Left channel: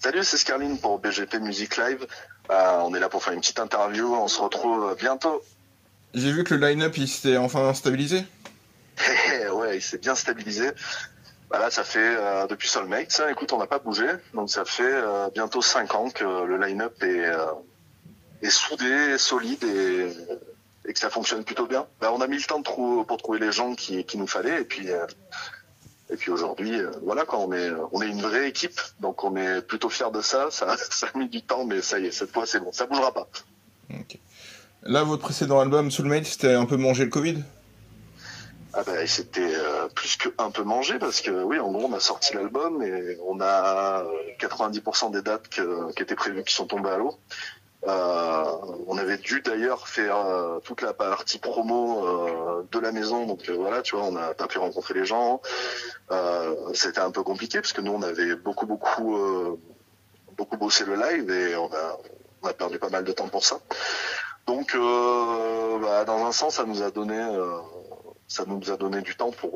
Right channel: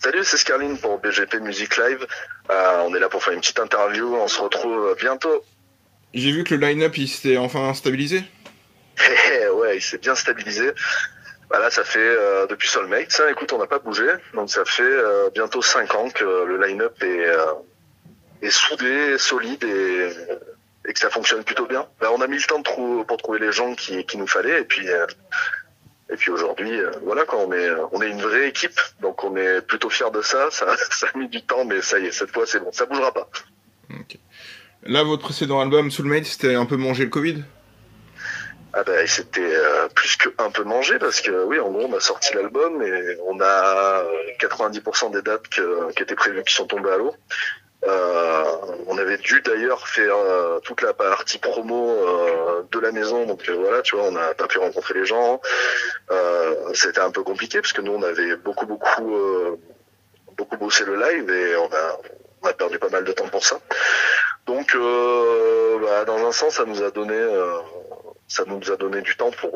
Salut, c'est Scarline pour BGP Music Live. On est là pour faire une petite interview. On se retrouve bientôt. J'ai vu que le line-up il s'était enfin stabilisé. Ouais, il s'est bien stabilisé. Là, ça fait depuis Soulmate. Ça, écoute, on n'a pas bougé. Donc ça fait bientôt 5 ans que le line-up est soudé, solide et que ça fonctionne plutôt bien. On a mis le temps pour trouver les gens qu'il nous fallait. Et puis aujourd'hui, voilà, on est une vraie équipe, donc on est plutôt fiers de ça. Ça a mis du temps, mais ça y est, cette fois c'est bon, ça bougera pas. Okay. Là, votre précédent album, Soulmate, c'était un peu mangé le Covid? C'était plus que un peu mangé, parce que oui, en gros, on a sorti l'album et on a 90% des dates qui étaient prévues qui sont tombées à l'eau. On avait dû d'ailleurs faire toute la partie promo de la maison, donc voilà, tu vois, on n'a pas pu rencontrer les gens. C'était un peu compliqué parce que nous on avait beaucoup bossé le live et on a perdu pas mal de temps pour ça. Donc dans un sens ça nous a donné du temps pour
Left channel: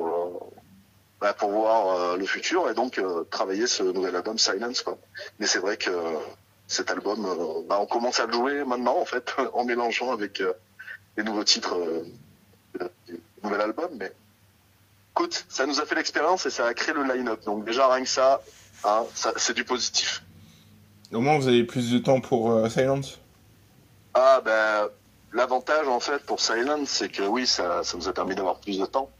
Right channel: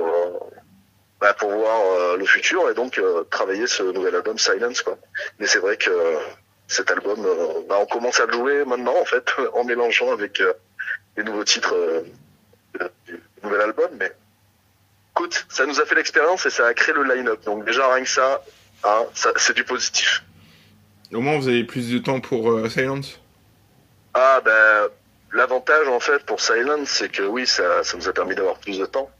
voir le futur et donc travailler ce nouvel album Silence, quoi. Mais c'est vrai que cet album, on commence à le jouer maintenant en fait en mélangeant avec les nouveaux titres du nouvel album. Mais écoute, ça nous a fait l'expérience et ça a créé le line-up. Donc déjà rien que ça c'est du positif. Au moins vous avez plus de temps pour Silence. L'avantage en fait pour Silence, c'est que oui, ça nous a permis d'avoir plus de temps.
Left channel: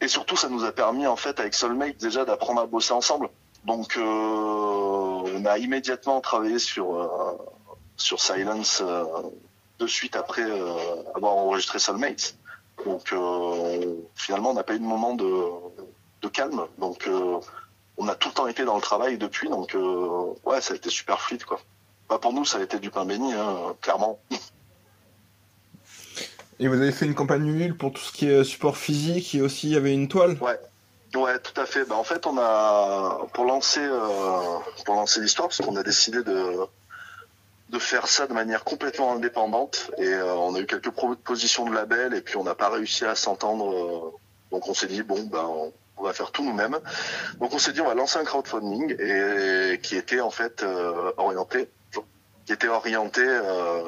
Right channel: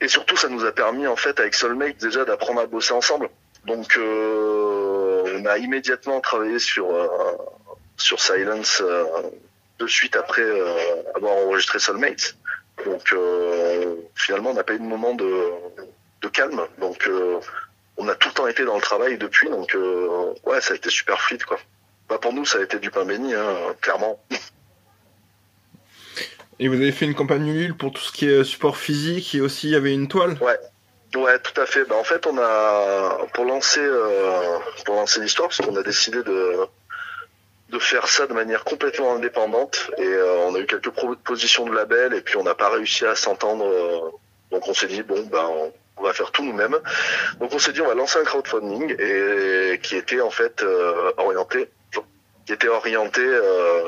Et surtout ça nous a permis en fait avec Soulmate déjà d'apprendre à bosser ensemble. Donc on a immédiatement travaillé sur Silence de suite après avoir enregistré Soulmate. Donc finalement on n'a pas eu de moment de calme. Donc on a tout le temps été dans le travail depuis. Donc ouais, ça a été super fluide, quoi. Pour nous ça a été du pain béni, clairement. Et vous avez fait une campagne Ulule pour tout ce qui est support physique et aussi il y avait une toile. Ouais, tout à fait. En fait, on a pour lancer l'histoire, parce qu'on a décidé de faire ça de manière complètement indépendante et on a eu quelques propositions de label et puis on n'a pas réussi à s'entendre. Donc on s'est dit on va faire tout nous-mêmes. Donc on s'est dit on va lancer un crowdfunding et qui était en fait orienté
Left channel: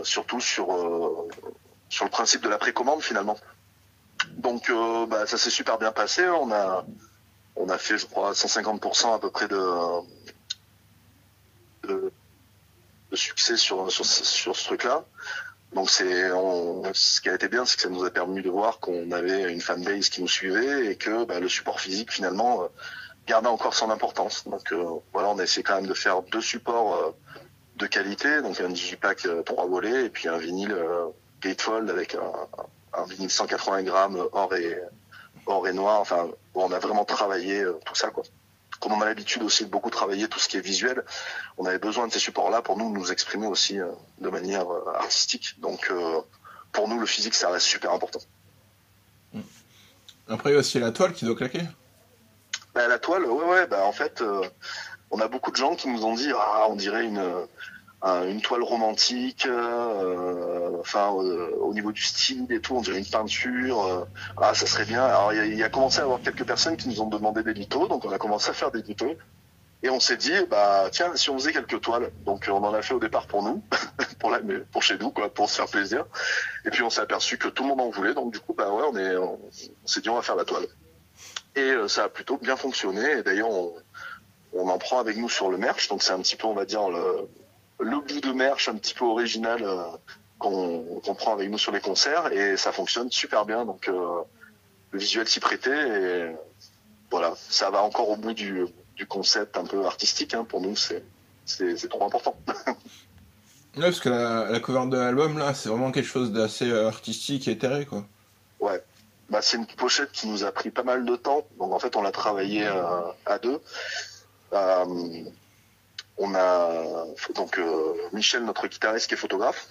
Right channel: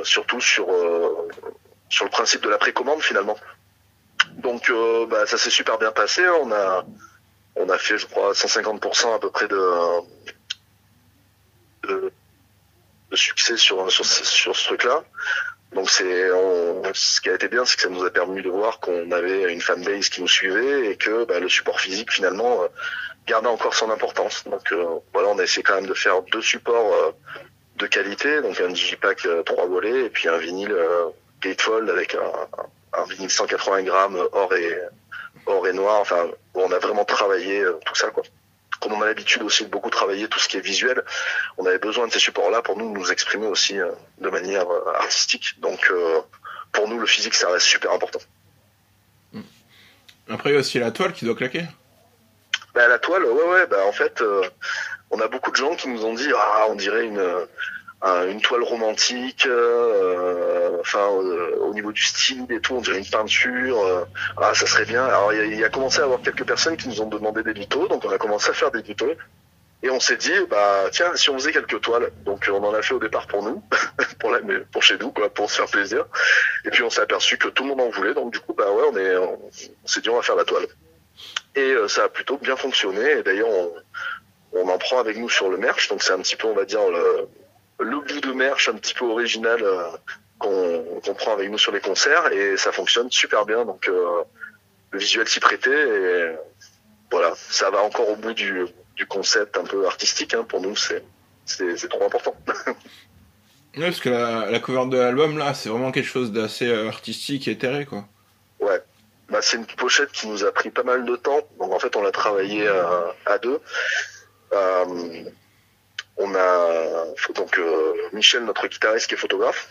surtout sur le principe de la précommande finalement. Donc ça s'est super bien passé. On a fait, je crois, 150% à peu près de succès sur ce truc-là. Donc ce qui a été bien, c'est que ça nous a permis de voir qu'on avait une fanbase qui nous suivait et que le support physique finalement gardait encore son importance. Donc on a essayé quand même de faire 2 supports de qualité, donc un digipack 3 volets et puis un vinyle gatefold avec un vinyle 180 grammes or et noir. Enfin, on a vraiment travaillé tout ça, quoi. Comme on a l'habitude aussi de beaucoup travailler tout ce qui est visuel, on avait besoin de ces supports-là pour nous exprimer aussi de manière artistique. Donc pour nous, le physique, ça reste super important. Après, il y a aussi la toile qui doit claquer. La toile, en fait, on a beaucoup de gens qui nous ont dit on dirait une toile romantique, au niveau du style et tout, on dirait une peinture, ça serait bien. Alors il y a commencé à avoir quelques personnes qui nous ont demandé des tutos, donc on a commencé à faire des tutos et on s'est dit tiens, si on faisait quelques toiles. Donc on en a fait au départ pour nous, pour chez nous, quoi, pour se faire plaisir. Et puis on s'est aperçu que tout le monde en voulait, donc du coup on s'est dit on va faire la toile. Et ça a plutôt bien fonctionné. Et d'ailleurs on en prend avec nous sur le merch, donc c'est un petit peu, on va dire, le bout de merch un petit peu original qu'on prend avec nous sur les concerts et ça fonctionne super bien. Donc le visuel s'y prêtait et voilà, ça va encore au bout du concept un peu artistique. Pour nous, c'est trop important. Ouais, parce que la cover de l'album là, c'est vraiment quelque chose d'assez artistique et éthéré, quoi. Ouais. C'est une pochette qui nous a pris pas mal de temps. Donc en fait, on l'a travaillé à 2. On a donc Michel, notre guitariste, qui est photographe.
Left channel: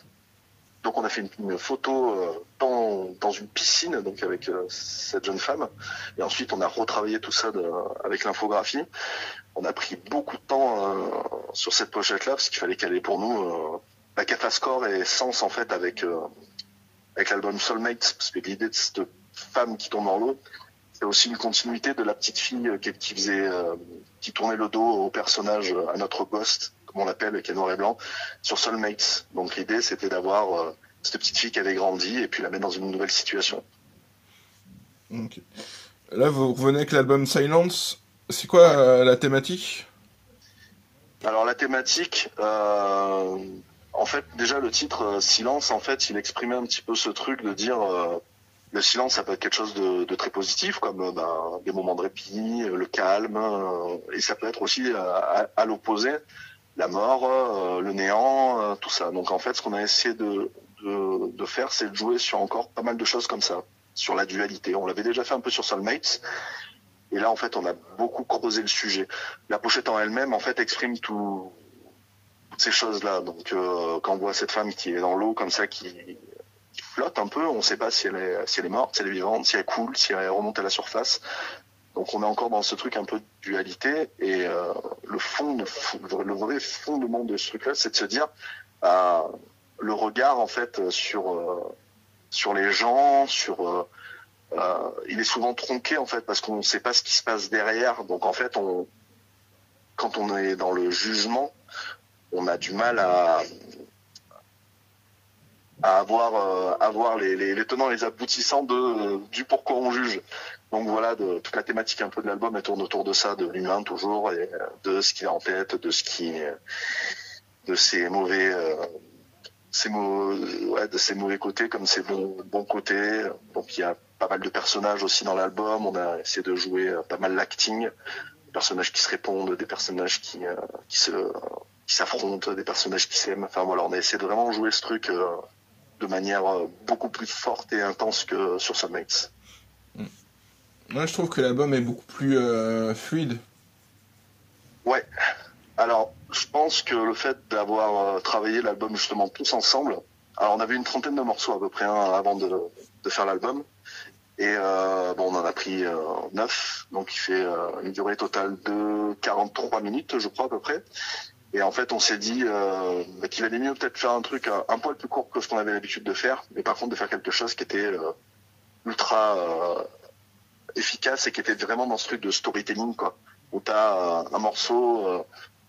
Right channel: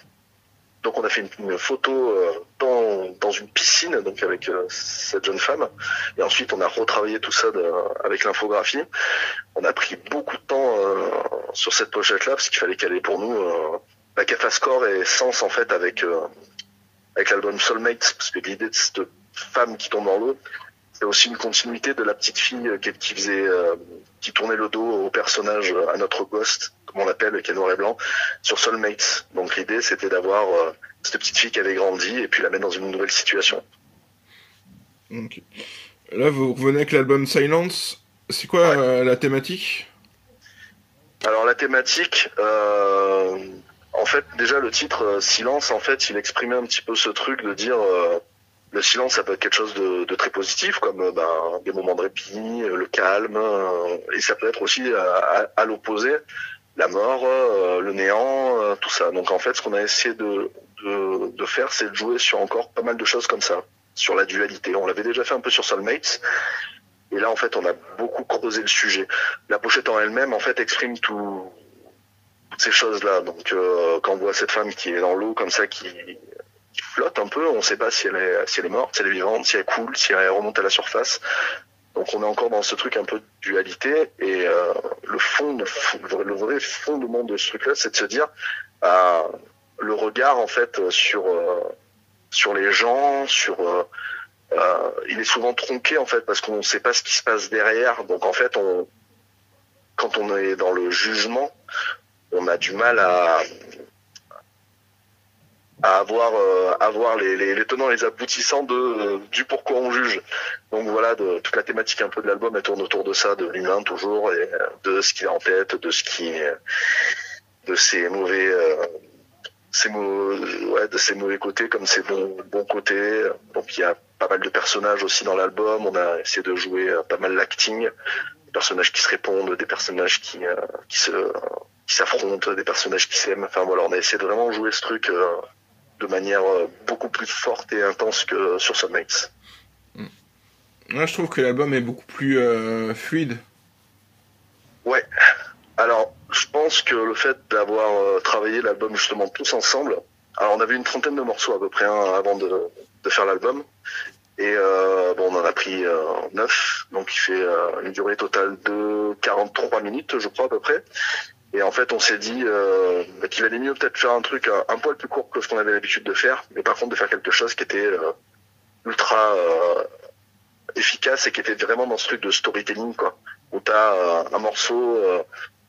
Donc on a fait une photo dans une piscine, donc avec cette jeune femme. Et ensuite on a retravaillé tout ça avec l'infographie. On a pris beaucoup de temps sur cette pochette-là parce qu'il fallait qu'elle ait pour nous qu'elle fasse corps et sens en fait avec l'album Soulmate, parce que l'idée de cette femme qui tombe dans l'eau, C'est aussi une continuité de la petite fille qui faisait, qui tournait le dos au personnage, à notre Ghost, comme on l'appelle, qui est noir et blanc, sur Soulmates. Donc l'idée, c'était d'avoir cette petite fille qui avait grandi et puis la mettre dans une nouvelle situation. Okay. Là, vous revenez avec l'album Silence. C'est quoi la thématique? Alors la thématique, en fait, déjà le titre Silence, en fait, il exprimait un petit peu ce truc de dire le silence, ça peut être quelque chose de très positif, comme des moments de répit, le calme, et ça peut être aussi à l'opposé, la mort, le néant, tout ça. Donc en fait, ce qu'on a essayé de faire, c'est de jouer sur encore pas mal de choses comme ça, sur la dualité. On l'avait déjà fait un peu sur Soulmates, et là en fait, on a beaucoup creusé le sujet. La pochette en elle-même, en fait, exprime toutes ces choses-là. Donc quand on voit cette femme qui est dans l'eau comme ça, qui flotte un peu, on ne sait pas si elle est morte, si elle est vivante, si elle coule, si elle remonte à la surface. Donc on est encore dans ce truc un peu de dualité, et le vrai fondement de ce truc-là, c'est de se dire le regard en fait sur les gens, il est souvent tronqué en fait parce qu'on ne sait pas ce qui se passe derrière. Donc en fait, quand on est dans le jugement, on a du mal à avoir les tenants et les aboutissants du pourquoi on juge. Donc voilà, toute la thématique un peu de l'album, elle tourne autour de ça, de l'humain toujours, et de ce qu'il a en tête, de ses mauvais côtés comme ses bons côtés. Donc il y a pas mal de personnages aussi dans l'album, on a essayé de jouer pas mal l'acting, des personnages qui se répondent, des personnages qui s'affrontent, des personnages qui s'aiment. Enfin voilà, on a essayé de vraiment jouer ce truc de manière beaucoup plus forte et intense que sur Soulmates. Moi, je trouve que l'album est beaucoup plus fluide. Ouais. Alors, je pense que le fait d'avoir travaillé l'album justement tous ensemble, alors on avait une trentaine de morceaux à peu près avant de faire l'album, et on en a pris 9, donc il fait une durée totale de 43 minutes, je crois à peu près. Et en fait, on s'est dit qu'il allait mieux peut-être faire un truc un poil plus court que ce qu'on avait l'habitude de faire, mais par contre de faire quelque chose qui était ultra efficace et qui était vraiment dans ce truc de storytelling, quoi, où t'as un morceau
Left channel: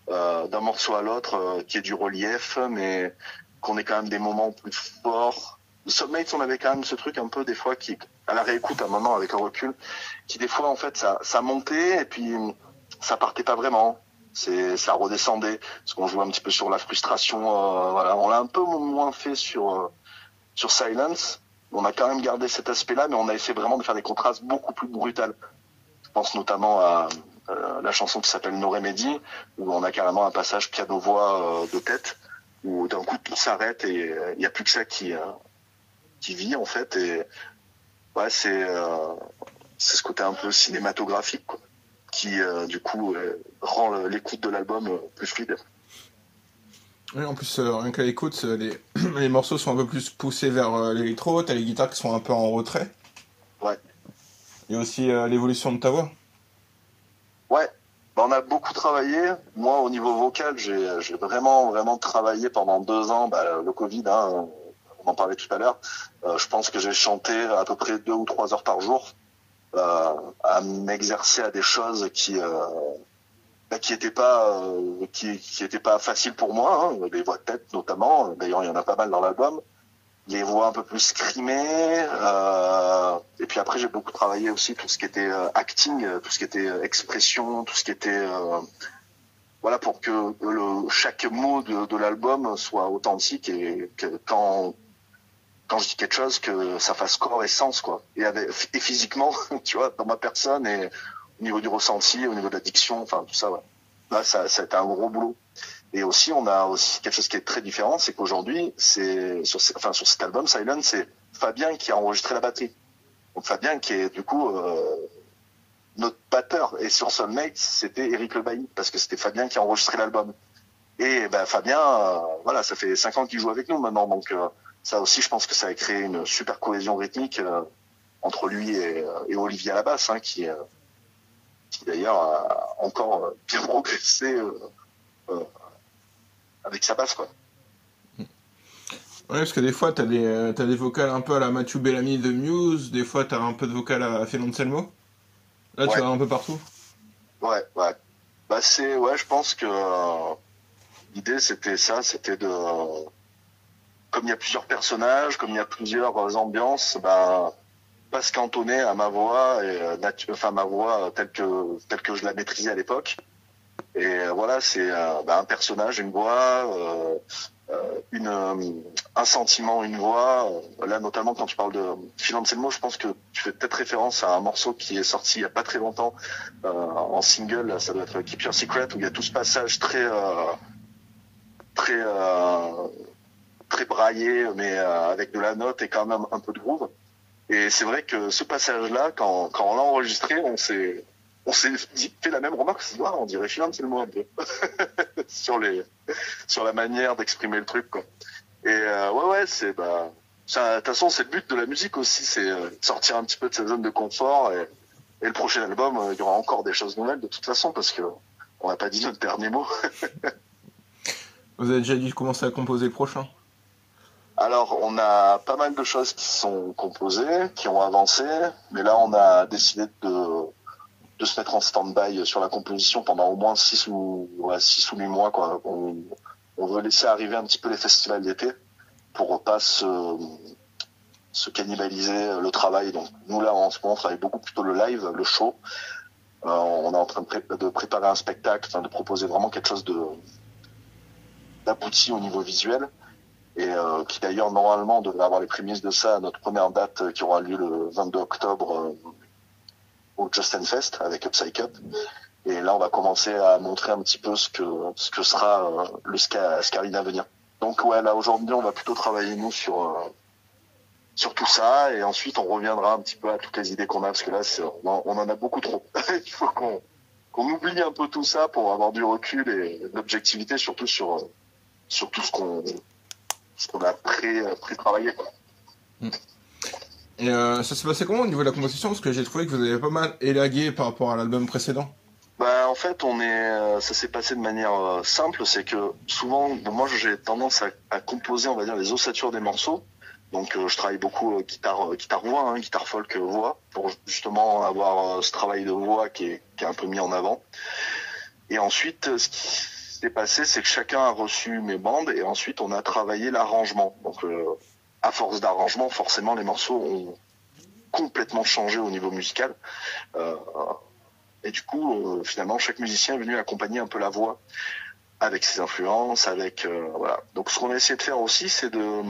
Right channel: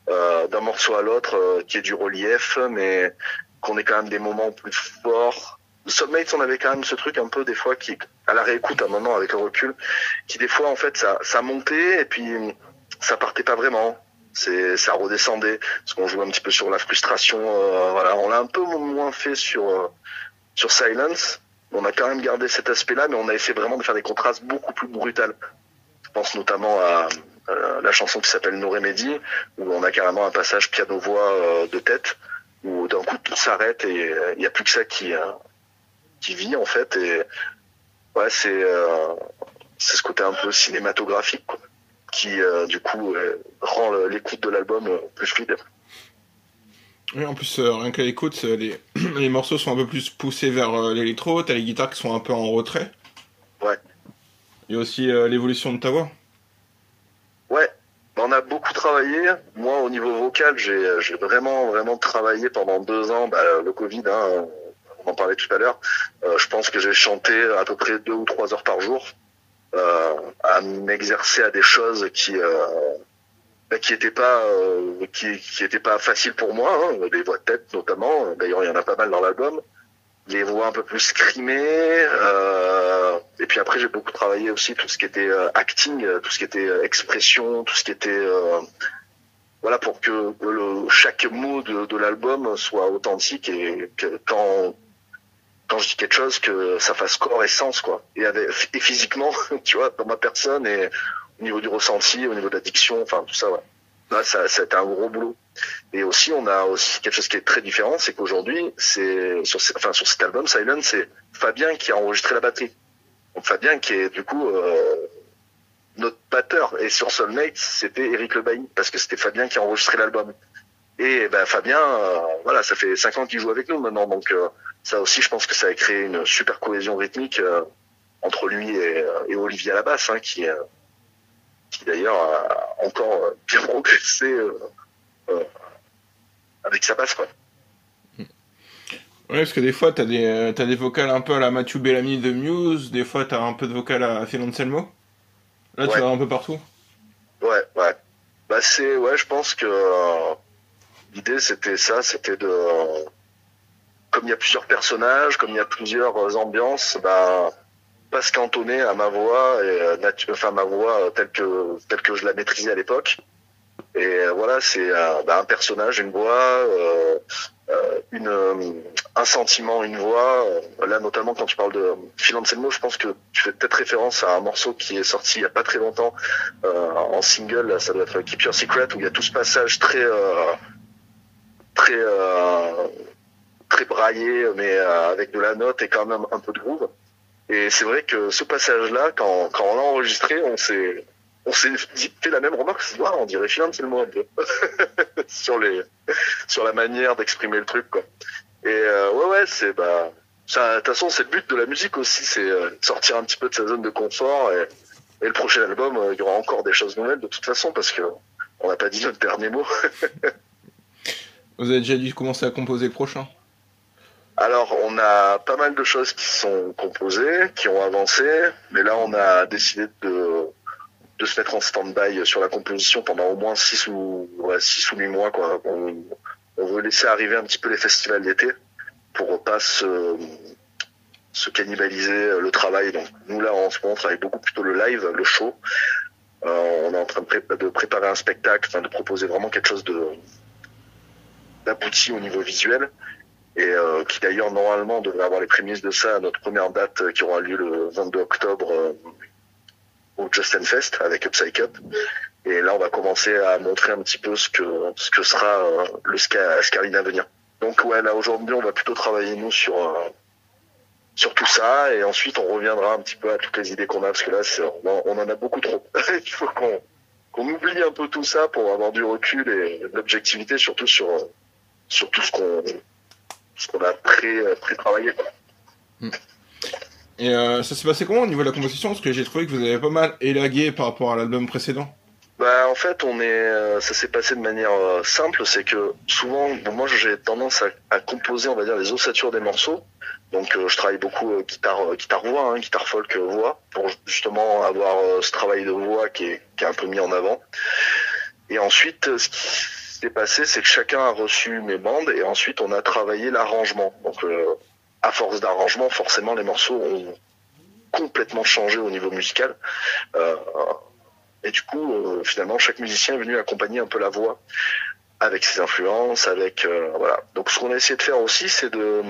d'un morceau à l'autre qui est du relief, mais qu'on ait quand même des moments plus forts. Le Soulmates, on avait quand même ce truc un peu des fois qui, à la réécoute à un moment avec le recul, qui des fois en fait ça montait et puis ça partait pas vraiment. Ça redescendait, parce qu'on joue un petit peu sur la frustration. Voilà, on l'a un peu moins fait sur Silence. On a quand même gardé cet aspect-là, mais on a essayé vraiment de faire des contrastes beaucoup plus brutals. Je pense notamment à la chanson qui s'appelle No Remedy, où on a carrément un passage piano-voix de tête, où d'un coup tout s'arrête et il n'y a plus que ça qui vit en fait. Et ouais, c'est ce côté un peu cinématographique, quoi, qui du coup rend l'écoute de l'album plus fluide. Oui, en plus, rien qu'à l'écoute, les morceaux sont un peu plus poussés vers l'électro, t'as les guitares qui sont un peu en retrait. Ouais. Il y a aussi l'évolution de ta voix. Ouais, on a beaucoup travaillé. Moi, au niveau vocal, j'ai vraiment travaillé pendant 2 ans. Le Covid, on en parlait tout à l'heure. Je pense que j'ai chanté à peu près 2 ou 3 heures par jour, à m'exercer à des choses qui étaient pas faciles pour moi, les voix de tête notamment. D'ailleurs, il y en a pas mal dans l'album. Les voix un peu plus scrimées, et puis après j'ai beaucoup travaillé aussi tout ce qui était acting, tout ce qui était expression, tout ce qui était voilà, pour que chaque mot de l'album soit authentique, et que quand je dis quelque chose, que ça fasse corps et sens, quoi, et physiquement, tu vois, dans ma personne, et au niveau du ressenti, au niveau de la diction, enfin tout ça, ouais. Là, c'était un gros boulot. Et aussi, on a aussi quelque chose qui est très différent, c'est qu'aujourd'hui, sur cet album Silence, c'est Fabien qui a enregistré la batterie. Donc Fabien qui est du coup notre batteur. Et sur Soulmates, c'était Eric Lebailly, parce que c'était Fabien qui a enregistré l'album. Et Fabien, voilà, ça fait 5 ans qu'il joue avec nous maintenant, donc ça aussi, je pense que ça a créé une super cohésion rythmique entre lui et Olivier à la basse, qui d'ailleurs a encore bien progressé avec sa basse, quoi. Ouais, parce que des fois, t'as des vocals un peu à la Matthew Bellamy de Muse, des fois t'as un peu de vocal à Phil Anselmo. Là, tu Ouais, vas un peu partout. ouais. Bah ouais, je pense que l'idée c'était ça, c'était de, comme il y a plusieurs personnages, comme il y a plusieurs ambiances, bah pas se cantonner à ma voix et enfin ma voix telle que je la maîtrisais à l'époque. Et voilà, c'est un personnage, une voix, un sentiment, une voix. Là, notamment quand tu parles de Phil Anselmo, je pense que tu fais peut-être référence à un morceau qui est sorti il y a pas très longtemps en single. Ça doit être Keep Your Secret, où il y a tout ce passage très très braillé, mais avec de la note et quand même un peu de groove. Et c'est vrai que ce passage-là, quand on l'a enregistré, on s'est fait la même remarque, c'est on dirait finalement un peu sur la manière d'exprimer le truc, quoi. Et ouais, de toute façon, c'est le but de la musique aussi, c'est sortir un petit peu de sa zone de confort. Et le prochain album, il y aura encore des choses nouvelles de toute façon, parce que on n'a pas dit notre dernier mot. Vous avez déjà dit commencer à composer le prochain? Alors, on a pas mal de choses qui sont composées, qui ont avancé, mais là, on a décidé de se mettre en stand-by sur la composition pendant au moins 6 ou 8 mois, quoi. On veut laisser arriver un petit peu les festivals d'été pour pas se cannibaliser le travail. Donc, nous, là, en ce moment, on travaille beaucoup plutôt le live, le show. On est en train de préparer un spectacle, de proposer vraiment quelque chose d'abouti au niveau visuel. Et qui d'ailleurs normalement devrait avoir les prémices de ça à notre première date qui aura lieu le 22 octobre au Justin Fest avec Upside Up. Et là on va commencer à montrer un petit peu ce que sera le Scarlino à venir. Donc ouais, là aujourd'hui on va plutôt travailler nous sur tout ça, et ensuite on reviendra un petit peu à toutes les idées qu'on a, parce que là on en a beaucoup trop. Il faut qu'on oublie un peu tout ça pour avoir du recul et de l'objectivité, surtout sur tout ce qu'on a pré-travaillé. Et ça s'est passé comment au niveau de la composition? Parce que j'ai trouvé que vous avez pas mal élagué par rapport à l'album précédent. Bah en fait ça s'est passé de manière simple, c'est que souvent moi j'ai tendance à composer, on va dire, les ossatures des morceaux. Donc je travaille beaucoup guitare voix, guitare folk voix, pour justement avoir ce travail de voix qui est un peu mis en avant. Et ensuite ce qui s'est passé, c'est que chacun a reçu mes bandes, et ensuite on a travaillé l'arrangement. Donc à force d'arrangement, forcément les morceaux ont complètement changé au niveau musical. Et du coup, finalement, chaque musicien est venu accompagner un peu la voix avec ses influences, voilà. Donc ce qu'on a essayé de faire aussi, c'est que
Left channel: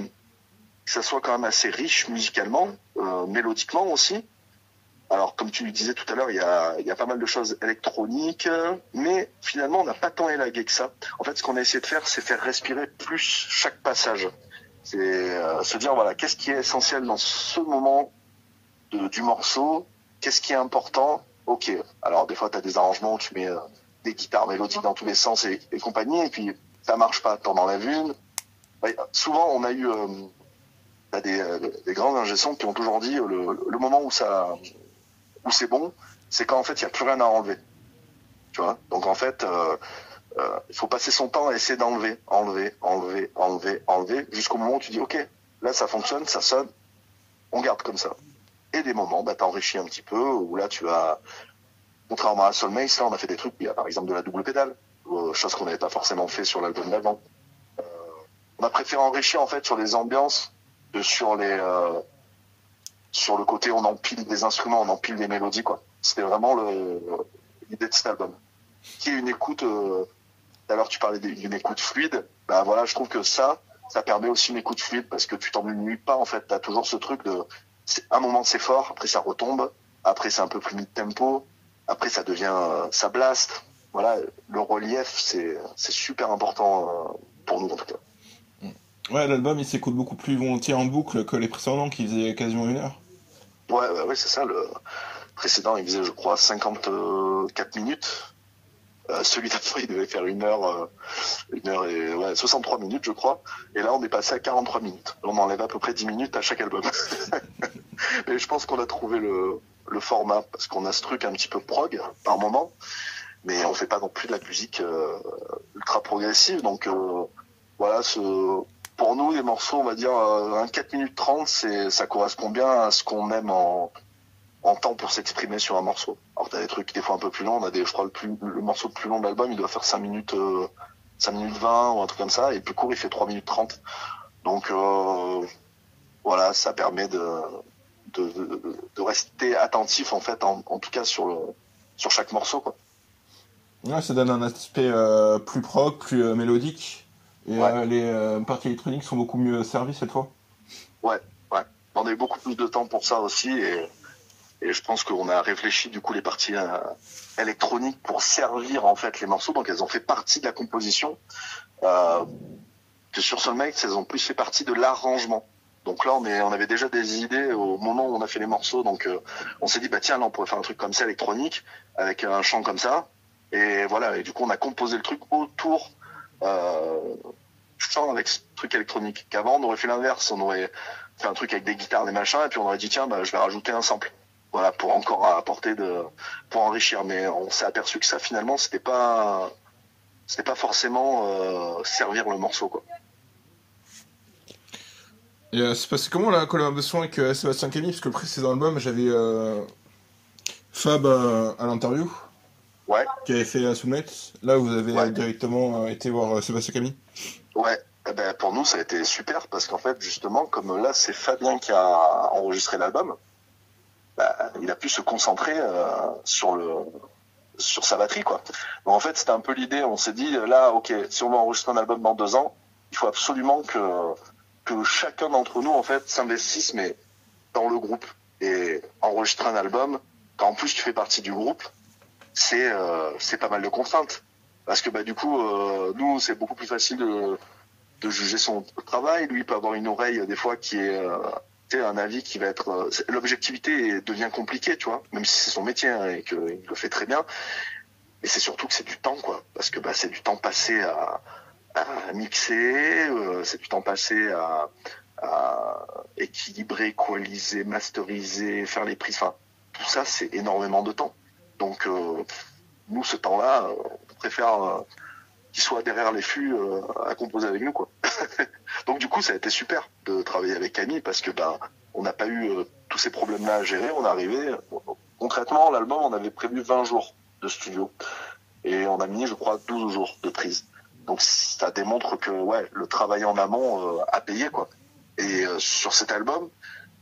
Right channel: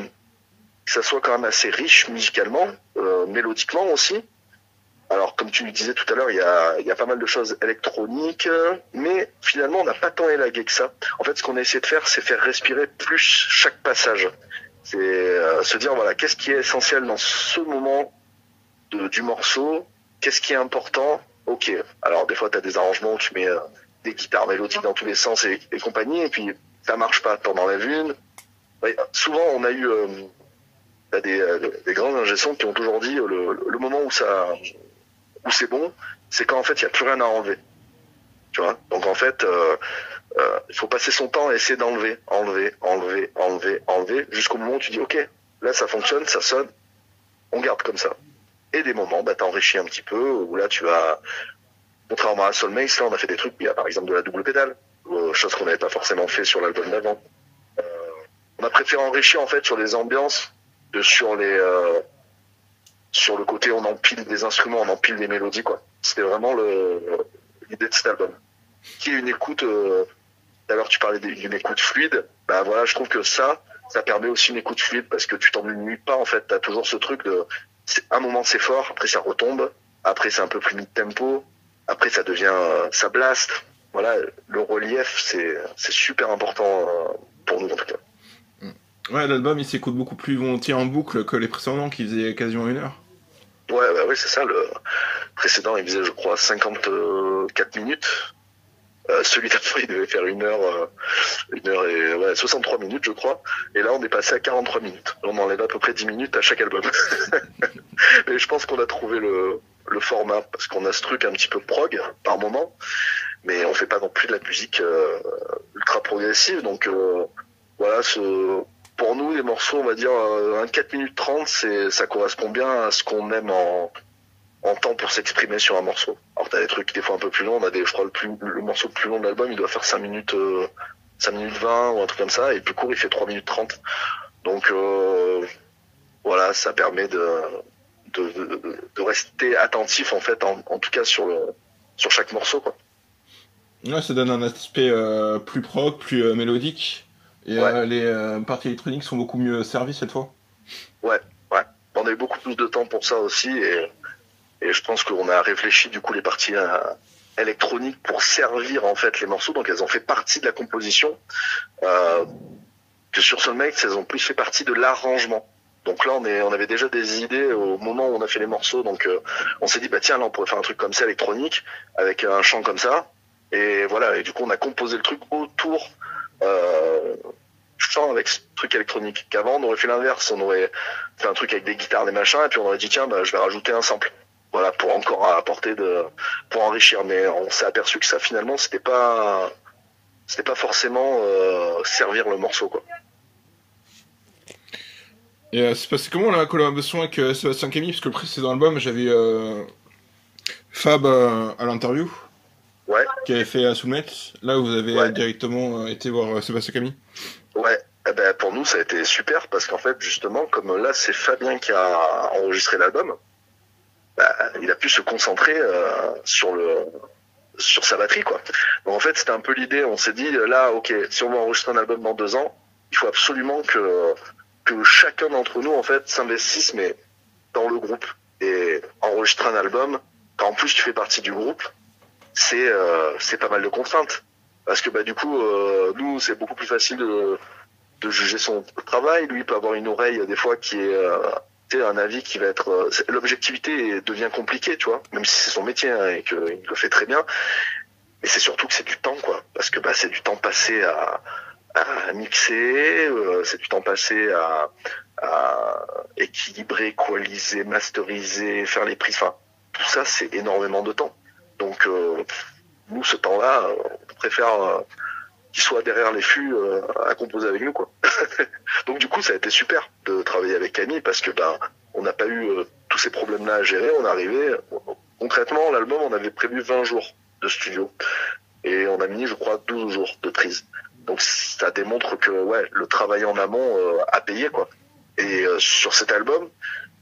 ça soit quand même assez riche musicalement, mélodiquement aussi. Alors, comme tu disais tout à l'heure, il y a pas mal de choses électroniques, mais finalement, on n'a pas tant élagué que ça. En fait, ce qu'on a essayé de faire, c'est faire respirer plus chaque passage. C'est se dire, voilà, qu'est-ce qui est essentiel dans ce moment du morceau, qu'est-ce qui est important. Ok, alors des fois, tu as des arrangements où tu mets des guitares mélodiques dans tous les sens et compagnie, et puis ça marche pas, t'en enlèves une. Ouais, souvent, on a eu des grands ingé-sons qui ont toujours dit le moment où c'est bon, c'est quand en fait il y a plus rien à enlever, tu vois. Donc en fait il faut passer son temps à essayer d'enlever, enlever jusqu'au moment où tu dis ok, là ça fonctionne, ça sonne, on garde comme ça. Et des moments, t'enrichis un petit peu, où là tu vas, contrairement à Soulmates, là on a fait des trucs, il y a par exemple de la double pédale, chose qu'on n'avait pas forcément fait sur l'album d'avant. On a préféré enrichir en fait sur les ambiances, sur le côté on empile des instruments, on empile des mélodies, quoi. C'était vraiment l'idée de cet album. Qui est une écoute, tout à l'heure tu parlais d'une écoute fluide, voilà, je trouve que ça permet aussi une écoute fluide, parce que tu t'ennuies pas, en fait, t'as toujours ce truc un moment c'est fort, après ça retombe, après c'est un peu plus mid-tempo, après ça devient, ça blast. Voilà, le relief, c'est super important pour nous en tout cas. Ouais, l'album il s'écoute beaucoup plus volontiers en boucle que les précédents qui faisaient quasiment 1 heure. Ouais, c'est ça. Le précédent, il faisait, je crois, 54 minutes. Celui d'après, il devait faire 1 heure et 63 minutes, je crois. Et là, on est passé à 43 minutes. On enlève à peu près 10 minutes à chaque album. Mais je pense qu'on a trouvé le format, parce qu'on a ce truc un petit peu prog par moment, mais on fait pas non plus de la musique ultra progressive. Donc voilà, pour nous, les morceaux, on va dire, un 4 minutes 30, ça correspond bien à ce qu'on aime en temps pour s'exprimer sur un morceau. Alors t'as des trucs des fois un peu plus longs, on a des, je crois le morceau le plus long de l'album, il doit faire 5 minutes 20 ou un truc comme ça, et le plus court il fait 3 minutes 30. Donc voilà, ça permet de rester attentif en fait, en tout cas sur chaque morceau, quoi. Ouais, ça donne un aspect plus prog, plus mélodique, et Ouais. les parties électroniques sont beaucoup mieux servies cette fois. Ouais, ouais. On a eu beaucoup plus de temps pour ça aussi, et je pense qu'on a réfléchi du coup les parties électroniques pour servir en fait les morceaux, donc elles ont fait partie de la composition, que sur Soulmates elles ont plus fait partie de l'arrangement. Donc là on avait déjà des idées au moment où on a fait les morceaux, donc on s'est dit bah tiens là on pourrait faire un truc comme ça électronique avec un chant comme ça, et voilà, et du coup on a composé le truc autour chant avec ce truc électronique. Qu'avant on aurait fait l'inverse, on aurait fait un truc avec des guitares, des machins, et puis on aurait dit tiens bah je vais rajouter un sample. Voilà, pour encore apporter pour enrichir. Mais on s'est aperçu que ça finalement c'était pas forcément servir le morceau, quoi. Et c'est passé comment la collaboration avec Sébastien Camille? Parce que le précédent album, j'avais Fab à l'interview, Ouais, qui avait fait Soulmates. Là, vous avez ouais, directement été voir Sébastien Camille. ouais. Eh ben, pour nous ça a été super parce qu'en fait justement comme là c'est Fabien qui a enregistré l'album, bah, il a pu se concentrer sur sa batterie, quoi. Donc en fait c'était un peu l'idée, on s'est dit là ok, si on veut enregistrer un album dans 2 ans, il faut absolument que chacun d'entre nous en fait s'investisse mais dans le groupe, et enregistrer un album quand en plus tu fais partie du groupe, c'est pas mal de contraintes parce que bah du coup nous c'est beaucoup plus facile de juger son travail, lui il peut avoir une oreille des fois qui est un avis qui va être l'objectivité devient compliquée, tu vois, même si c'est son métier hein, et qu'il le fait très bien, mais c'est surtout que c'est du temps, quoi, parce que bah c'est du temps passé à mixer, c'est du temps passé à équilibrer, équaliser, masteriser, faire les prises, enfin tout ça c'est énormément de temps. Donc nous ce temps-là on préfère qu'il soit derrière les fûts à composer avec nous, quoi. Donc du coup ça a été super de travailler avec Camille parce que ben on n'a pas eu tous ces problèmes-là à gérer, on est arrivé concrètement l'album on avait prévu 20 jours de studio et on a mis je crois 12 jours de prise. Donc ça démontre que ouais le travail en amont a payé, quoi. Et sur cet album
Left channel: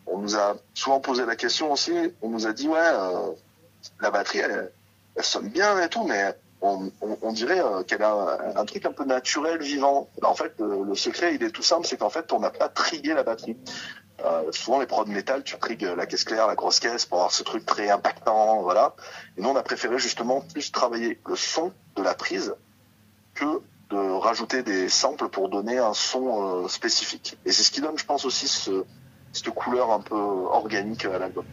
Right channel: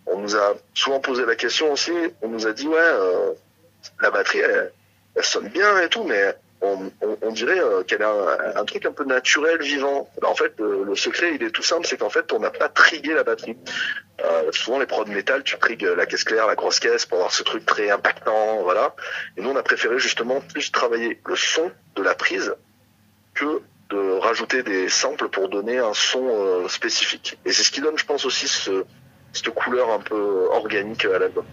on nous a souvent posé la question aussi, on nous a dit ouais la batterie elle sonne bien et tout, mais on dirait qu'elle a un truc un peu naturel, vivant. En fait, le secret, il est tout simple, c'est qu'en fait, on n'a pas trigué la batterie. Souvent, les prods métal, tu trigues la caisse claire, la grosse caisse, pour avoir ce truc très impactant, voilà. Et nous, on a préféré justement plus travailler le son de la prise que de rajouter des samples pour donner un son spécifique. Et c'est ce qui donne, je pense, aussi cette couleur un peu organique à l'album,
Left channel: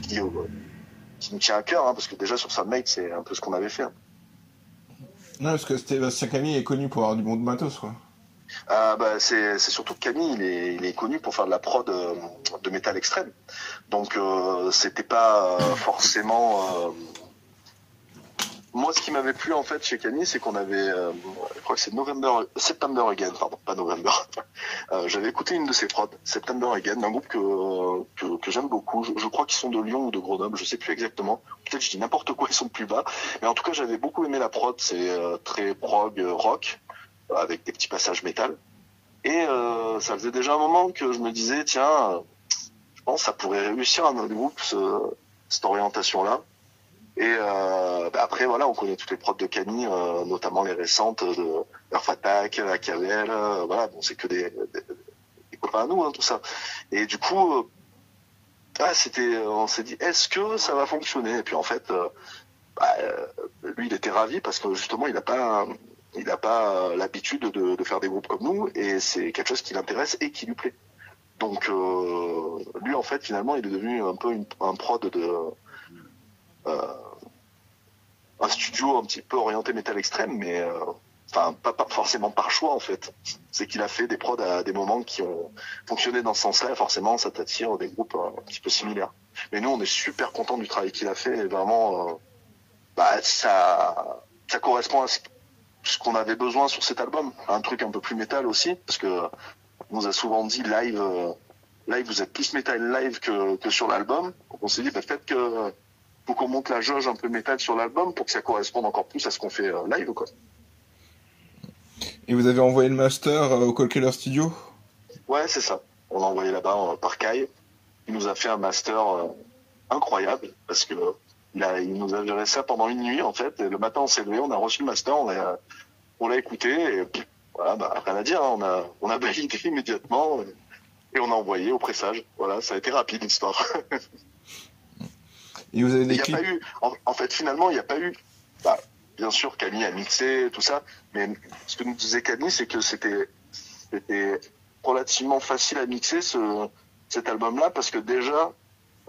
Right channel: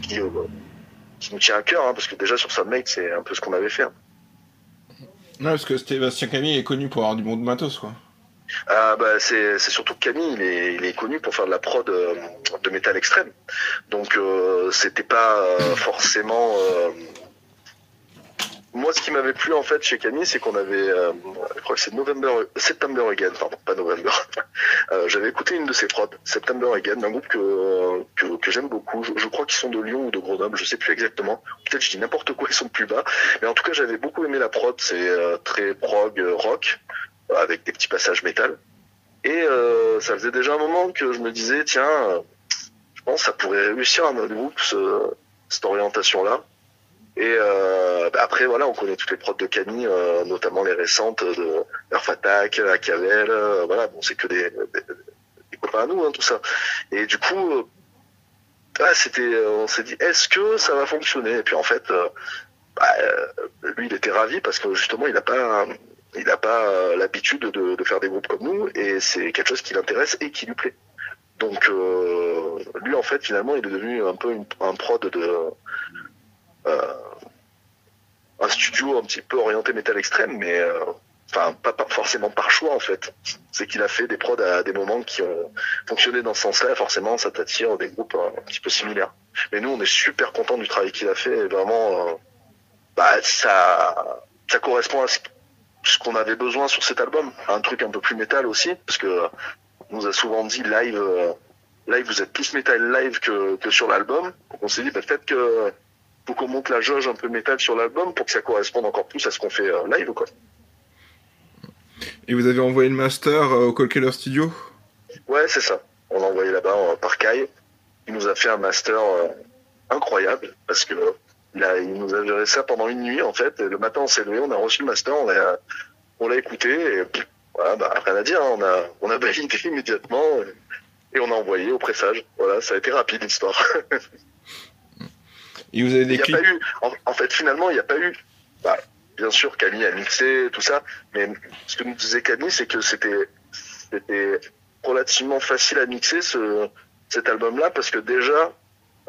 qui nous tient à cœur, hein, parce que déjà sur Soulmate, c'est un peu ce qu'on avait fait. Hein. Non, parce que Sébastien Camille est connu pour avoir du bon de matos, quoi. Bah, c'est surtout que Camille, il est connu pour faire de la prod de métal extrême. Donc c'était pas forcément... Moi, ce qui m'avait plu en fait chez Camille, c'est qu'on avait, je crois que c'est September Again, pardon, pas November. J'avais écouté une de ses prods, September Again, d'un groupe que j'aime beaucoup. Je crois qu'ils sont de Lyon ou de Grenoble, je sais plus exactement. Peut-être je dis n'importe quoi, ils sont plus bas. Mais en tout cas, j'avais beaucoup aimé la prod. C'est très prog rock avec des petits passages métal. Et ça faisait déjà un moment que je me disais, tiens, je pense que ça pourrait réussir à notre groupe cette orientation-là. Et bah après voilà, on connaît toutes les prods de Camille, notamment les récentes de Earth Attack, Acavel, voilà, bon c'est que des copains à nous, hein, tout ça. Et du coup, on s'est dit, est-ce que ça va fonctionner? Et puis en fait, lui il était ravi parce que justement il a pas l'habitude de faire des groupes comme nous, et c'est quelque chose qui l'intéresse et qui lui plaît. Donc lui en fait finalement il est devenu un peu un prod de un studio un petit peu orienté métal extrême, mais enfin pas forcément par choix en fait. C'est qu'il a fait des prods à des moments qui ont fonctionné dans ce sens-là, et forcément ça t'attire des groupes un petit peu similaires. Mais nous on est super contents du travail qu'il a fait, et vraiment ça correspond à ce qu'on avait besoin sur cet album, un truc un peu plus métal aussi, parce que on nous a souvent dit live live, vous êtes plus métal live que sur l'album. Donc on s'est dit, peut-être que faut qu'on monte la jauge un peu métal sur l'album pour que ça corresponde encore plus à ce qu'on fait live, quoi. Et vous avez envoyé le master au Cold Killer Studio? Ouais, c'est ça. On l'a envoyé là-bas par Kai. Il nous a fait un master incroyable parce que il nous a géré ça pendant une nuit en fait. Et le matin on s'est levé, on a reçu le master, on l'a écouté et voilà, rien à dire. Hein. On a validé immédiatement et on a envoyé au pressage. Voilà, ça a été rapide l'histoire. Et vous avez des clips? En fait, finalement, il n'y a pas eu. Bah, bien sûr, Camille a mixé tout ça, mais ce que nous disait Camille, c'est que c'était relativement facile à mixer cet album-là parce que déjà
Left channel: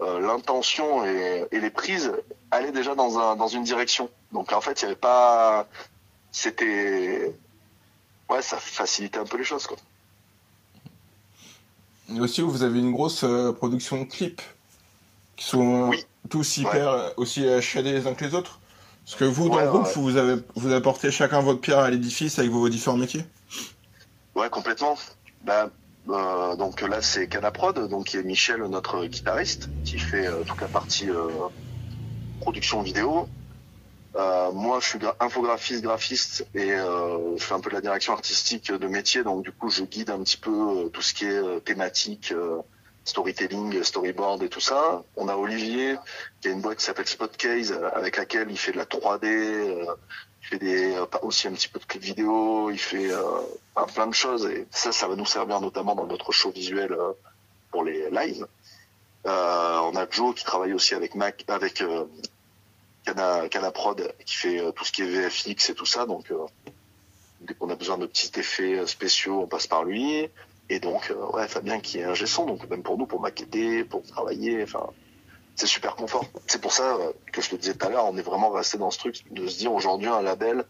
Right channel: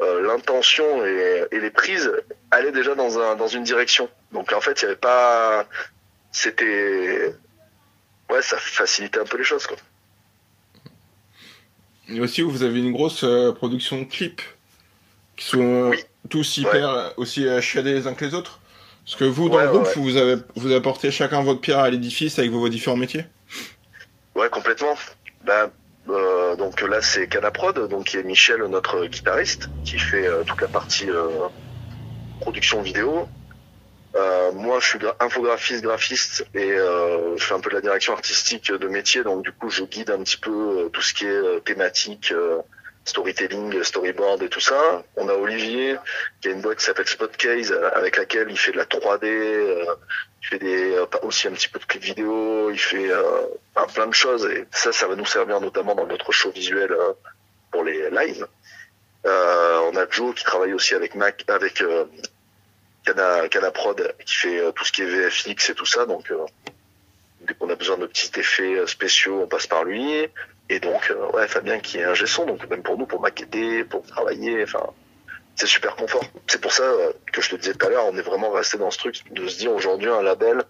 l'intention et les prises allaient déjà dans une direction. Donc en fait, il y avait pas. C'était. Ouais, ça facilitait un peu les choses, quoi. Et aussi, vous avez une grosse production de clips qui sont tous hyper aussi chiadés les uns que les autres. Parce que vous, dans le groupe, vous apportez chacun votre pierre à l'édifice avec vos différents métiers. Ouais, complètement. Donc là, c'est Canaprod, donc qui est Michel, notre guitariste, qui fait toute la partie production vidéo. Moi, je suis infographiste, graphiste et je fais un peu de la direction artistique de métier. Donc du coup, je guide un petit peu tout ce qui est thématique, storytelling, storyboard et tout ça. On a Olivier qui a une boîte qui s'appelle Spotcase avec laquelle il fait de la 3D, il fait aussi un petit peu de clips vidéo, il fait plein de choses et ça va nous servir notamment dans notre show visuel pour les lives. On a Joe qui travaille aussi avec Canaprod qui fait tout ce qui est VFX et tout ça, donc dès qu'on a besoin de petits effets spéciaux, on passe par lui. Et donc, Fabien qui est ingé son, donc même pour nous, pour maqueter, pour travailler, enfin, c'est super confort. C'est pour ça que je te disais tout à l'heure, on est vraiment resté dans ce truc de se dire aujourd'hui un label,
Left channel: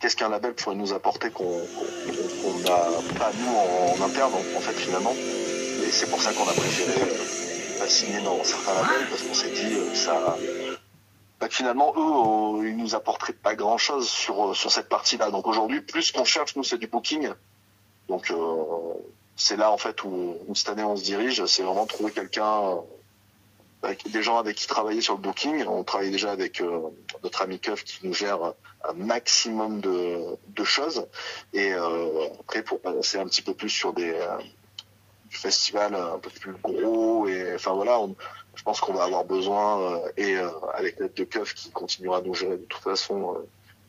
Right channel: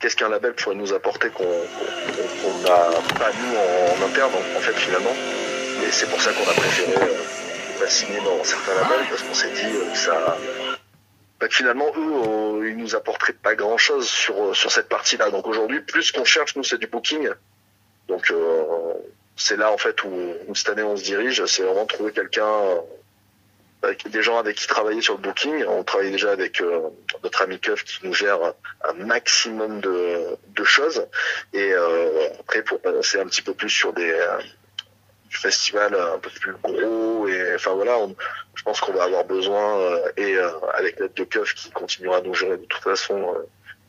qu'est-ce qu'un label pourrait nous apporter qu'on n'a pas nous en interne en fait finalement. Et c'est pour ça qu'on a préféré ne pas signer dans certains labels parce qu'on s'est dit que finalement eux ils nous apporteraient pas grand chose sur cette partie-là. Donc aujourd'hui, plus ce qu'on cherche nous c'est du booking. Donc c'est là en fait où cette année on se dirige, c'est vraiment trouver quelqu'un, avec des gens avec qui travailler sur le booking. On travaille déjà avec notre ami Keuf qui nous gère un maximum de choses et après pour passer un petit peu plus sur du festival un peu plus gros et enfin voilà, je pense qu'on va avoir besoin et avec l'aide de Keuf qui continuera à nous gérer de toute façon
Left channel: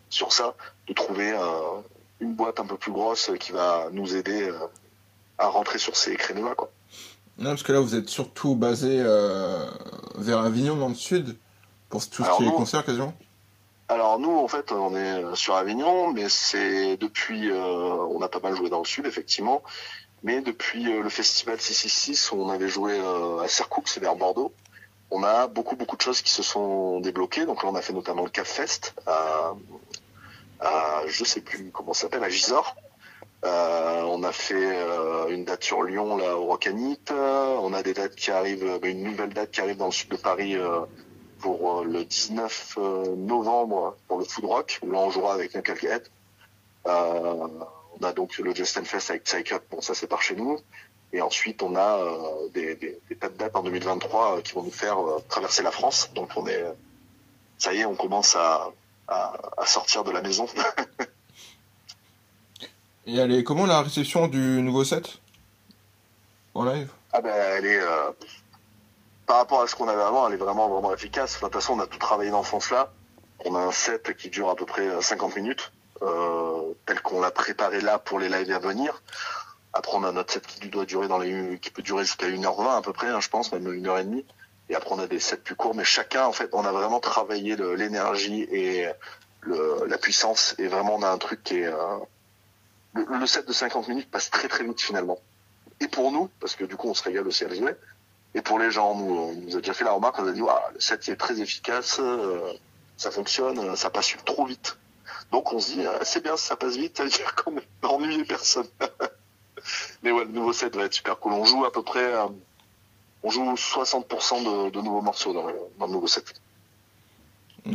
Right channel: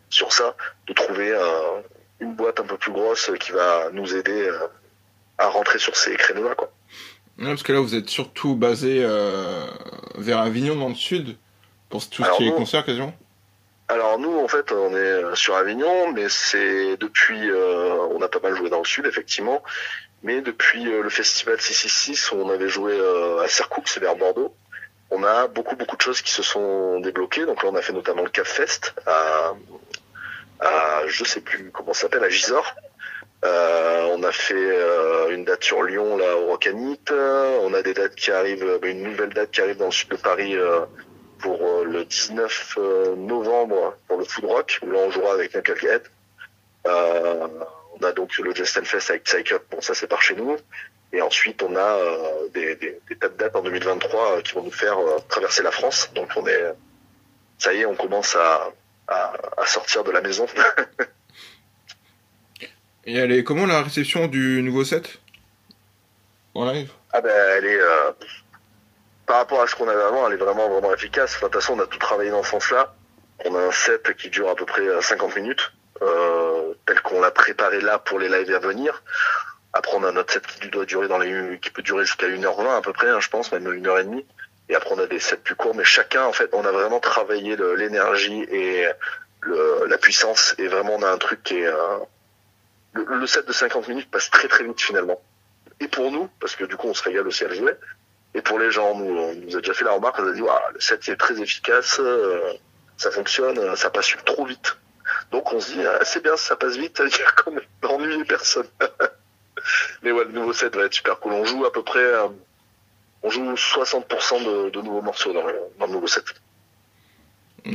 sur ça, de trouver une boîte un peu plus grosse qui va nous aider à rentrer sur ces créneaux-là, quoi. Ouais, parce que là, vous êtes surtout basé vers Avignon, dans le sud, pour tout ce qui est concert, quasiment. Alors nous, en fait, on est sur Avignon, mais c'est depuis... on a pas mal joué dans le sud, effectivement, mais depuis le festival 666, où on avait joué à Sercoux, c'est vers Bordeaux, on a beaucoup de choses qui se sont débloquées. Donc là, on a fait notamment le Cap Fest à je sais plus comment ça s'appelle, à Gisors. On a fait une date sur Lyon là au Rocanite. On a des dates qui arrivent, une nouvelle date qui arrive dans le sud de Paris pour le 19 novembre pour le Food Rock où là on jouera avec Knucklehead. On a donc le Just Fest avec Psych-Up, bon ça c'est par chez nous. Et ensuite on a des tas de dates en 2023 qui vont nous faire traverser la France. Donc ça y est, on commence à sortir de la maison. Et elle est comment la réception du nouveau set en live? Elle est par rapport à ce qu'on avait avant, elle est vraiment efficace. Enfin, de toute façon, on a tout travaillé dans ce sens-là. On a un set qui dure à peu près 50 minutes, tel qu'on l'a préparé là pour les lives à venir. Après, on a notre set qui doit durer qui peut durer jusqu'à 1h20 à peu près, je pense, même 1h30. Et après, on a des sets plus courts, mais chacun, en fait, on a vraiment travaillé l'énergie et la puissance. Et vraiment, on a un truc qui est... Le set de 50 minutes passe très très vite finalement. Et pour nous, parce que du coup on se régale aussi à le jouer, et pour les gens, on nous a déjà fait la remarque, on a dit le set est très efficace, ça fonctionne, ça passe trop vite. Donc on se dit c'est bien, ça passe vite, ça veut dire qu'on n'a ennuyé personne. Mais ouais, le nouveau set va être super cool. On joue à peu près, on joue 60% de nouveaux morceaux dans le nouveau set.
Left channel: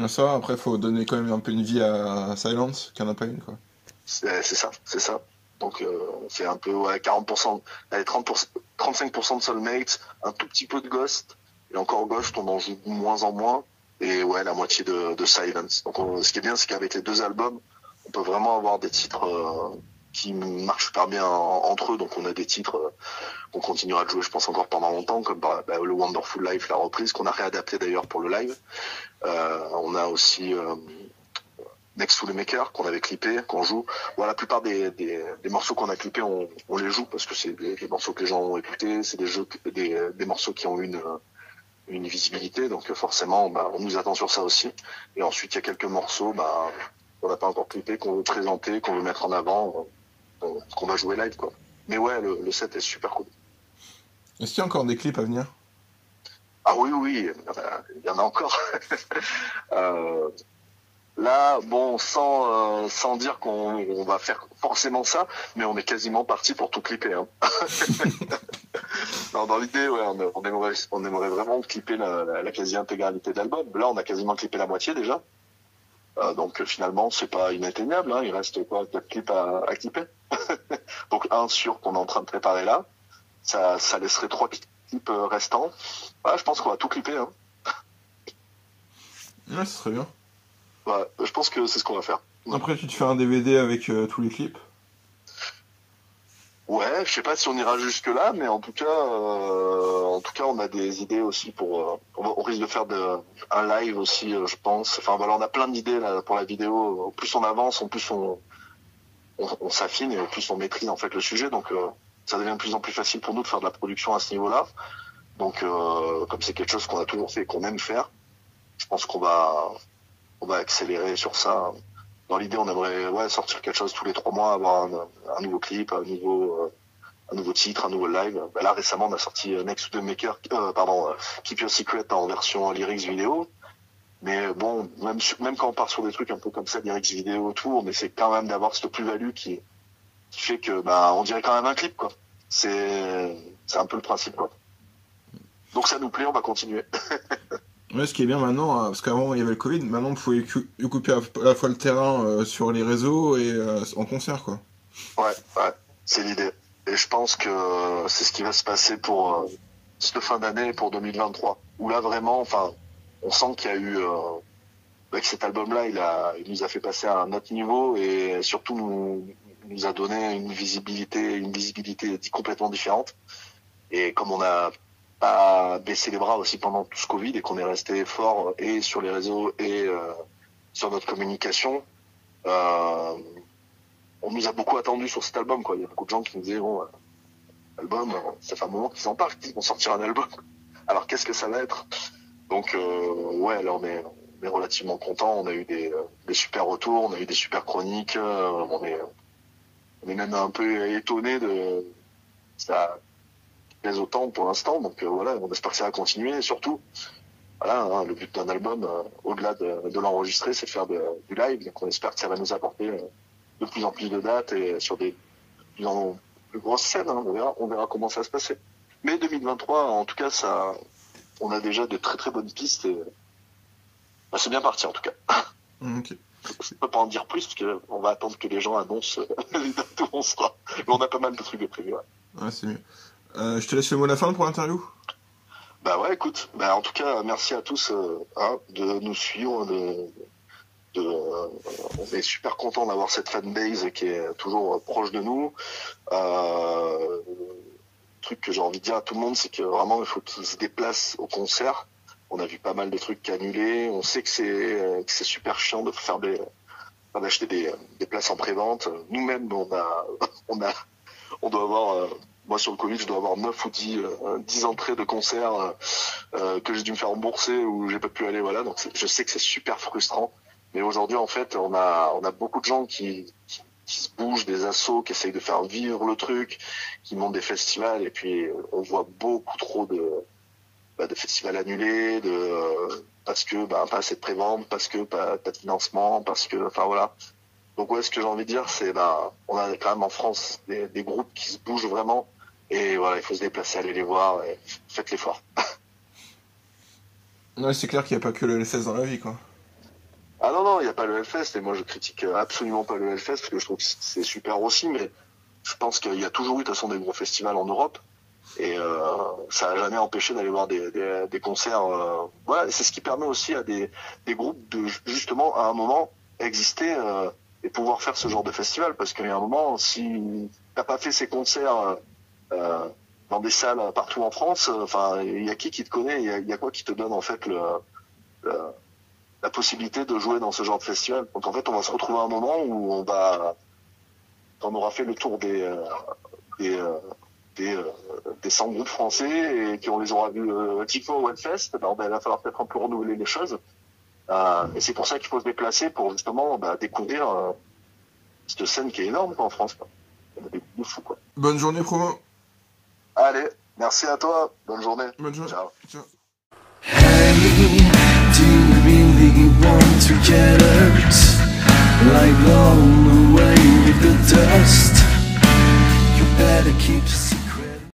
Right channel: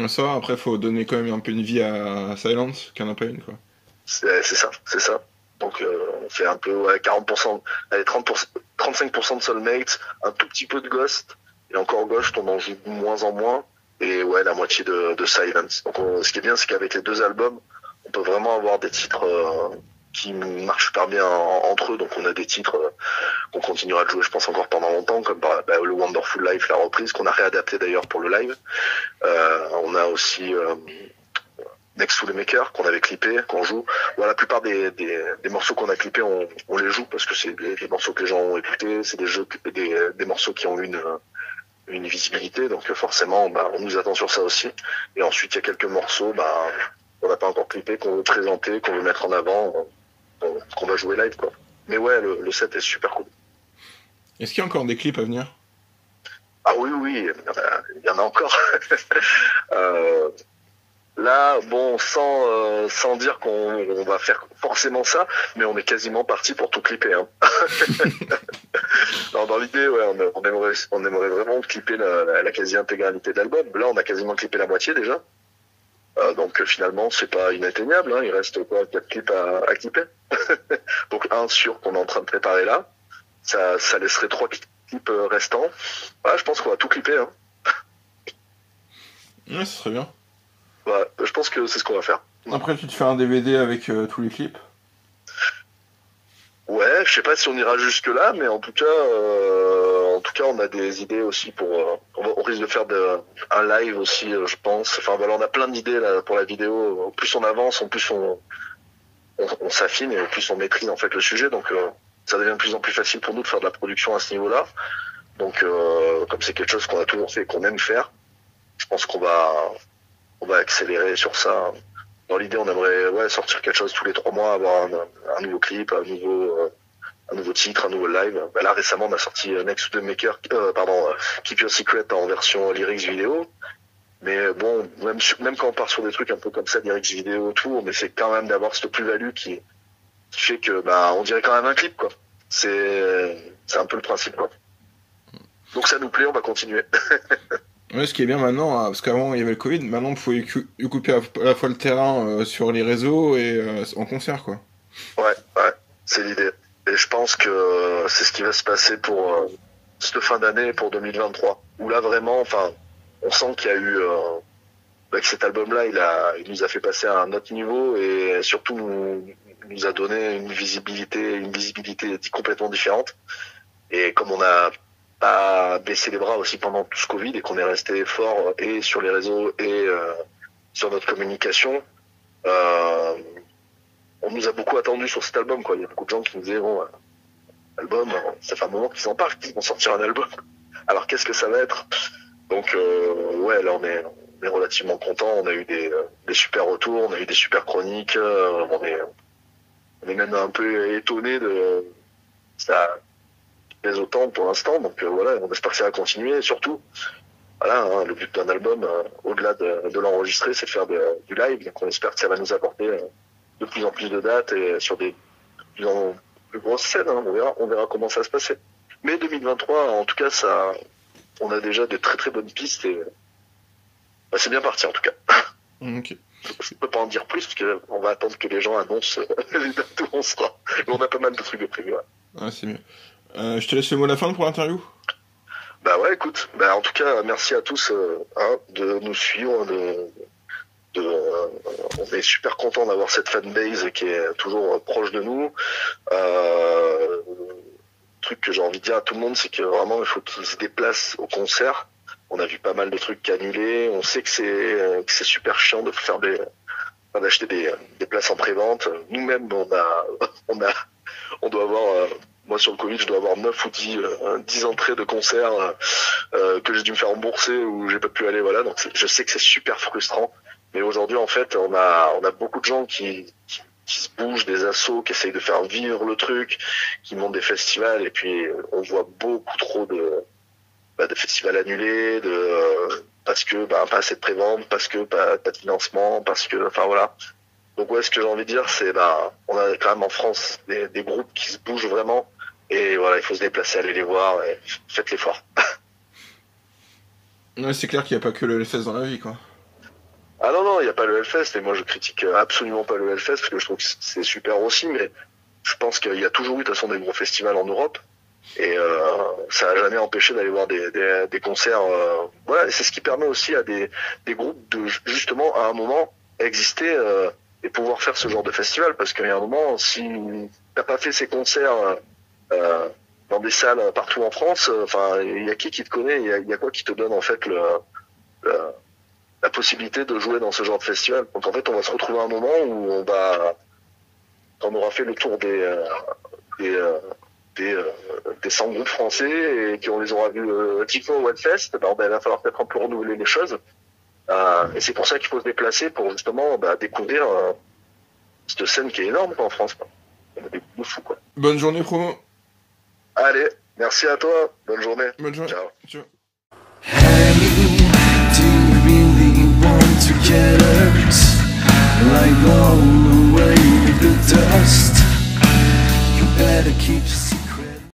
Ça, après faut donner quand même un peu une vie à Silence, qu'il n'y en a pas une quoi. C'est ça. Donc on fait un peu 40%, allez 35% de Soulmate, un tout petit peu de Ghost, et encore Ghost on en joue de moins en moins, et la moitié de Silence. Donc ce qui est bien, c'est qu'avec les 2 albums, on peut vraiment avoir des titres qui marchent super bien entre eux. Donc on a des titres qu'on continuera de jouer, je pense, encore pendant longtemps, comme le Wonderful Life, la reprise, qu'on a réadapté d'ailleurs pour le live. On a aussi Next to the Maker, qu'on avait clippé, qu'on joue. La plupart des morceaux qu'on a clippés, on les joue parce que c'est des morceaux que les gens ont écoutés, c'est des morceaux qui ont une visibilité, donc forcément on nous attend sur ça aussi. Et ensuite il y a quelques morceaux qu'on n'a pas encore clippé, qu'on veut présenter, qu'on veut mettre en avant, qu'on va jouer live, quoi. Mais le set est super cool. Est-ce qu'il y a encore des clips à venir? Ah oui, il y en a encore. Là, bon, sans dire qu'on va faire forcément ça, mais on est quasiment parti pour tout clipper. Hein. Non, dans l'idée, on aimerait vraiment clipper la quasi-intégralité de l'album. Là, on a quasiment clippé la moitié déjà. Donc finalement, c'est pas inatteignable. Hein. Il reste 4 clips à clipper. Donc un sûr qu'on est en train de préparer là. Ça laisserait 3 clips restants. Je pense qu'on va tout clipper. Hein. Ouais, ce serait bien. Je pense que c'est ce qu'on va faire. Après, tu te fais un DVD avec tous les clips? Ouais, je sais pas si on ira jusque là, mais en tout cas, on a des idées aussi pour. On risque de faire un live aussi, je pense. Enfin on a plein d'idées là pour la vidéo. Au plus on avance, en plus on s'affine et au plus on maîtrise en fait le sujet. Donc ça devient de plus en plus facile pour nous de faire de la production à ce niveau-là. Donc comme c'est quelque chose qu'on a toujours fait et qu'on aime faire, je pense qu'on va accélérer sur ça. Dans l'idée, on aimerait sortir quelque chose tous les 3 mois, avoir un nouveau clip, un nouveau titre, un nouveau live. Là récemment, on a sorti Next to the Maker, Keep Your Secret en version lyrics vidéo. Mais bon, même quand on part sur des trucs un peu comme ça, lyrics vidéo autour, mais c'est quand même d'avoir cette plus-value qui fait que on dirait quand même un clip, quoi. C'est un peu le principe, quoi. Donc ça nous plaît, on va continuer. Ouais, ce qui est bien maintenant, parce qu'avant il y avait le Covid, maintenant vous pouvez occuper à la fois le terrain sur les réseaux et en concert, quoi. Ouais, c'est l'idée. Et je pense que c'est ce qui va se passer pour cette fin d'année, pour 2023. Où là vraiment, on sent qu'il y a eu que cet album-là, il nous a fait passer à un autre niveau et surtout nous a donné une visibilité complètement différente. Et comme on a pas baissé les bras aussi pendant tout ce Covid et qu'on est resté fort et sur les réseaux et sur notre communication, on nous a beaucoup attendu sur cet album, quoi. Il y a beaucoup de gens qui nous disaient album, ça fait un moment qu'ils en parlent, qu'ils vont sortir un album. Alors qu'est-ce que ça va être? Donc là on est relativement content. On a eu des super retours, on a eu des super chroniques. On est même un peu étonné de ça plaise autant pour l'instant. Donc on espère que ça va continuer. Et surtout, le but d'un album, au-delà de l'enregistrer, c'est de faire du live. Donc on espère que ça va nous apporter de plus en plus de dates et sur des plus en plus grosses scènes. Hein. On verra comment ça va se passer. Mais 2023, en tout cas, on a déjà de très très bonnes pistes et c'est bien parti en tout cas. Ok. Je peux pas en dire plus parce qu'on va attendre que les gens annoncent les dates où on sera. Mais on a pas mal de trucs de prévu. Ouais, c'est mieux. Je te laisse le mot de la fin pour l'interview. Écoute, en tout cas, merci à tous de nous suivre. On est super content d'avoir cette fanbase qui est toujours proche de nous. Truc que j'ai envie de dire à tout le monde, c'est que vraiment il faut qu'ils se déplacent au concert. On a vu pas mal de trucs annulés. On sait que c'est super chiant de faire d'acheter des places en pré-vente. Nous-mêmes, on doit avoir, moi sur le Covid, je dois avoir 9 ou 10 entrées de concerts que j'ai dû me faire rembourser ou j'ai pas pu aller. Voilà, donc je sais que c'est super frustrant. Mais aujourd'hui, en fait, on a beaucoup de gens qui se bougent, des assos qui essayent de faire vivre le truc, qui montent des festivals, et puis on voit beaucoup trop de festivals annulés, parce que pas assez de prévente, parce que pas de financement, parce que voilà. Donc ce que j'ai envie de dire, c'est on a quand même en France des groupes qui se bougent vraiment, et voilà, il faut se déplacer, aller les voir, et faites l'effort. Ouais, c'est clair qu'il n'y a pas que le Hellfest dans la vie, quoi. Ah non, il n'y a pas le Hellfest, et moi je critique absolument pas le Hellfest, parce que je trouve que c'est super aussi, mais je pense qu'il y a toujours eu de toute façon des gros festivals en Europe. Et ça n'a jamais empêché d'aller voir des concerts. Voilà, et c'est ce qui permet aussi à des groupes de justement à un moment exister et pouvoir faire ce genre de festival. Parce qu'il y a un moment, si t'as pas fait ces concerts dans des salles partout en France, enfin, il y a qui te connaît, il y a quoi qui te donne en fait la possibilité de jouer dans ce genre de festival. Donc en fait, on va se retrouver à un moment où quand on aura fait le tour des 100 groupes français et qu'on les aura vus 10 fois au Hellfest, il va falloir peut-être un peu renouveler les choses. Et c'est pour ça qu'il faut se déplacer pour justement découvrir cette scène qui est énorme en France. On a des groupes de fous, quoi. Bonne journée, Promo. Allez, merci à toi. Bonne journée. Bonne journée. Ciao. Ciao. Hey, do you really want to get hurt? Like blown away with the dust. You better keep